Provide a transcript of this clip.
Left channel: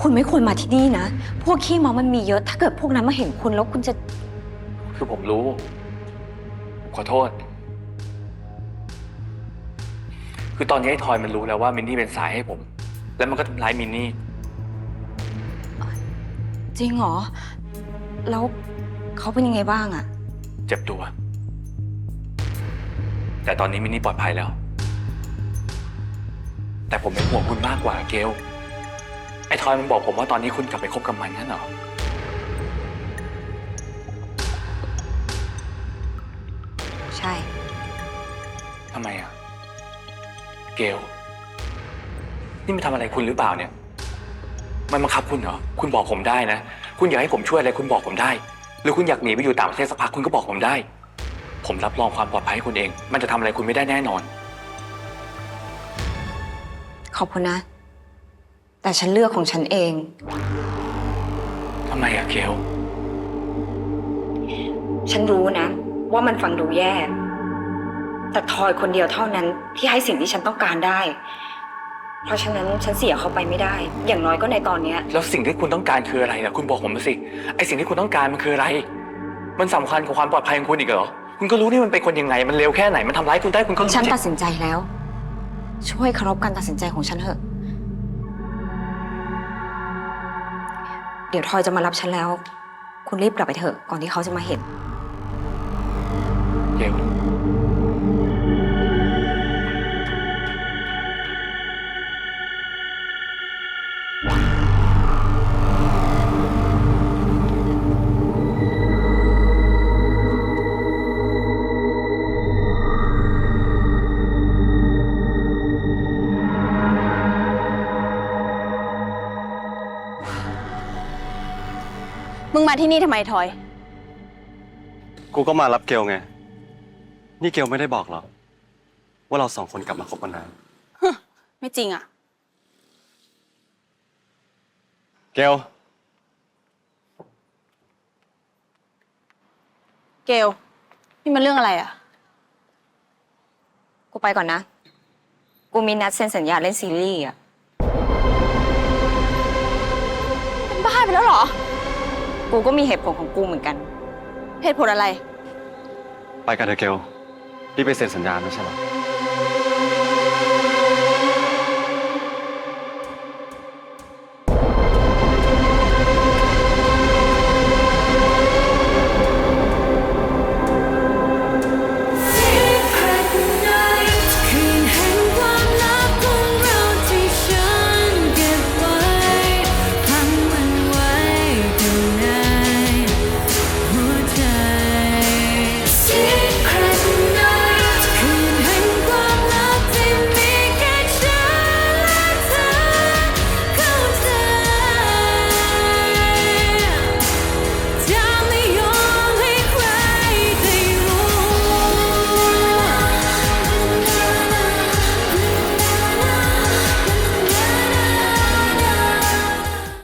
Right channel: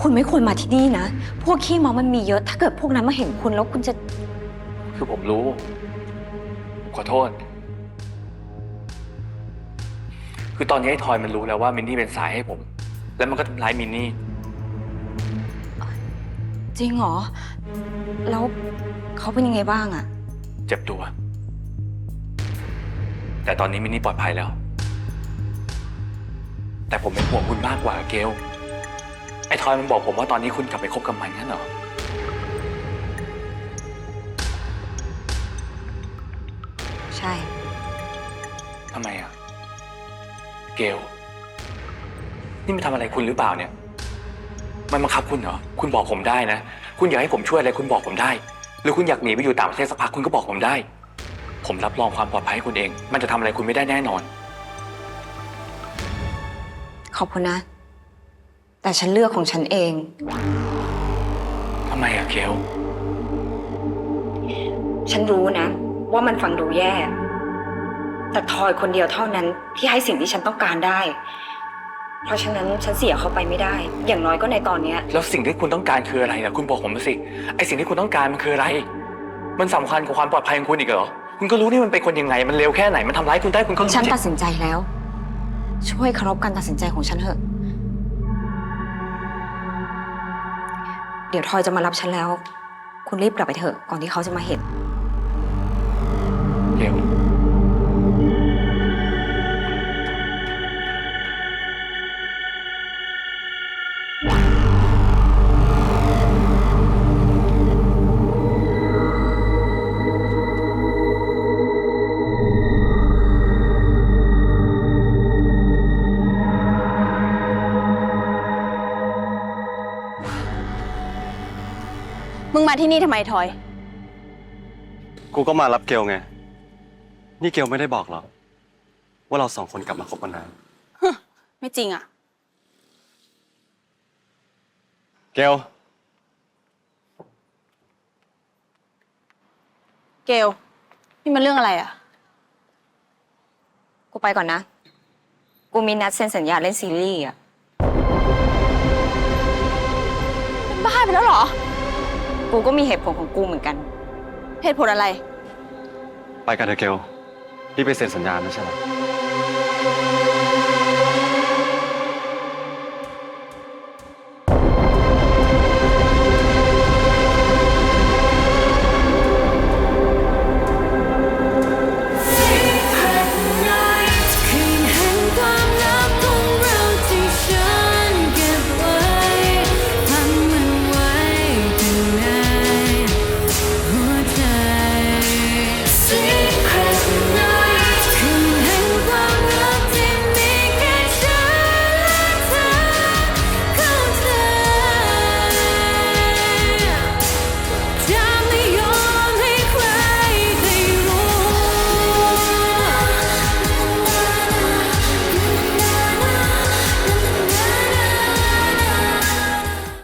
คุณไม่ควรมาที่นี่นะ พวกขี้เมามันมีเยอะ ถ้าเกิดพวกนั้นมาเห็นคุณแล้วคุณจะ คือผมรู้ ผมขอโทษ คือตอนนี้ไอ้ทอยมันรู้แล้วว่ามินนี่เป็นสายให้ผม แล้วมันก็ทำร้ายมินนี่ จริงเหรอ แล้วเขาเป็นยังไงบ้างอะเจ็บตัว แต่ตอนนี้มินนี่ปลอดภัยแล้ว แต่ผมเป็นห่วงคุณมากกว่าเกลไอ้ ทอยมันบอกผมว่าตอนนี้คุณกลับไปคบกับมันงั้นเหรอ ใช่ ทำไมอะ เกล นี่มันทำอะไรคุณหรือเปล่าเนี่ย มันบังคับคุณเหรอ คุณบอกผมได้นะ คุณอยากให้ผมช่วยอะไรคุณบอกผมได้ หรือคุณอยากหนีไปอยู่ต่างประเทศสักพักคุณก็บอกผมได้ ผมรับรองความปลอดภัยให้คุณเอง มันจะทำอะไรคุณไม่ได้แน่นอน ขอบคุณนะ แต่ฉันเลือกของฉันเอง ทำไมอะเกลฉันรู้นะ ว่ามันฟังดูแย่ แต่ทอยคนเดียวเท่านั้นที่ให้สิ่งที่ฉันต้องการได้ เพราะฉะนั้นฉันเสียเขาไปไม่ได้ อย่างน้อยก็ในตอนเนี้ย แล้วสิ่งที่คุณต้องการคืออะไรล่ะ คุณบอกผมมาสิ ไอสิ่งที่คุณต้องการมันคืออะไร มันสำคัญกับความปลอดภัยของคุณอีกเหรอ คุณก็รู้นี่มันเป็นคนยังไง มันเลวแค่ไหน มันทำร้ายคุณได้คุณก็รู้ฉันที่ตัดสินใจแล้ว ช่วยเคารพการตัดสินใจของฉันเถอะ เดี๋ยวทอยจะมารับฉันแล้ว คุณรีบกลับไปเถอะก่อนที่เขาจะมาเห็น เกล มึงมาที่นี่ทำไมทอย กูก็มารับเกลไง นี่เกลไม่ได้บอกหรอกว่าเราสองคนกลับมาคบกันนานไม่จริงอะ เกลเกลนี่มันเรื่องอะไรอะ กูไปก่อนนะ กูมีนัดเซ็นสัญญาเล่นซีรีส์อะ เป็นบ้าไปแล้วเหรอ กูก็มีเหตุผลของกูเหมือนกัน เหตุผลอะไร ไปกันเถอะเกลรีบไปเซ็นสัญญานะใช่ไหรอ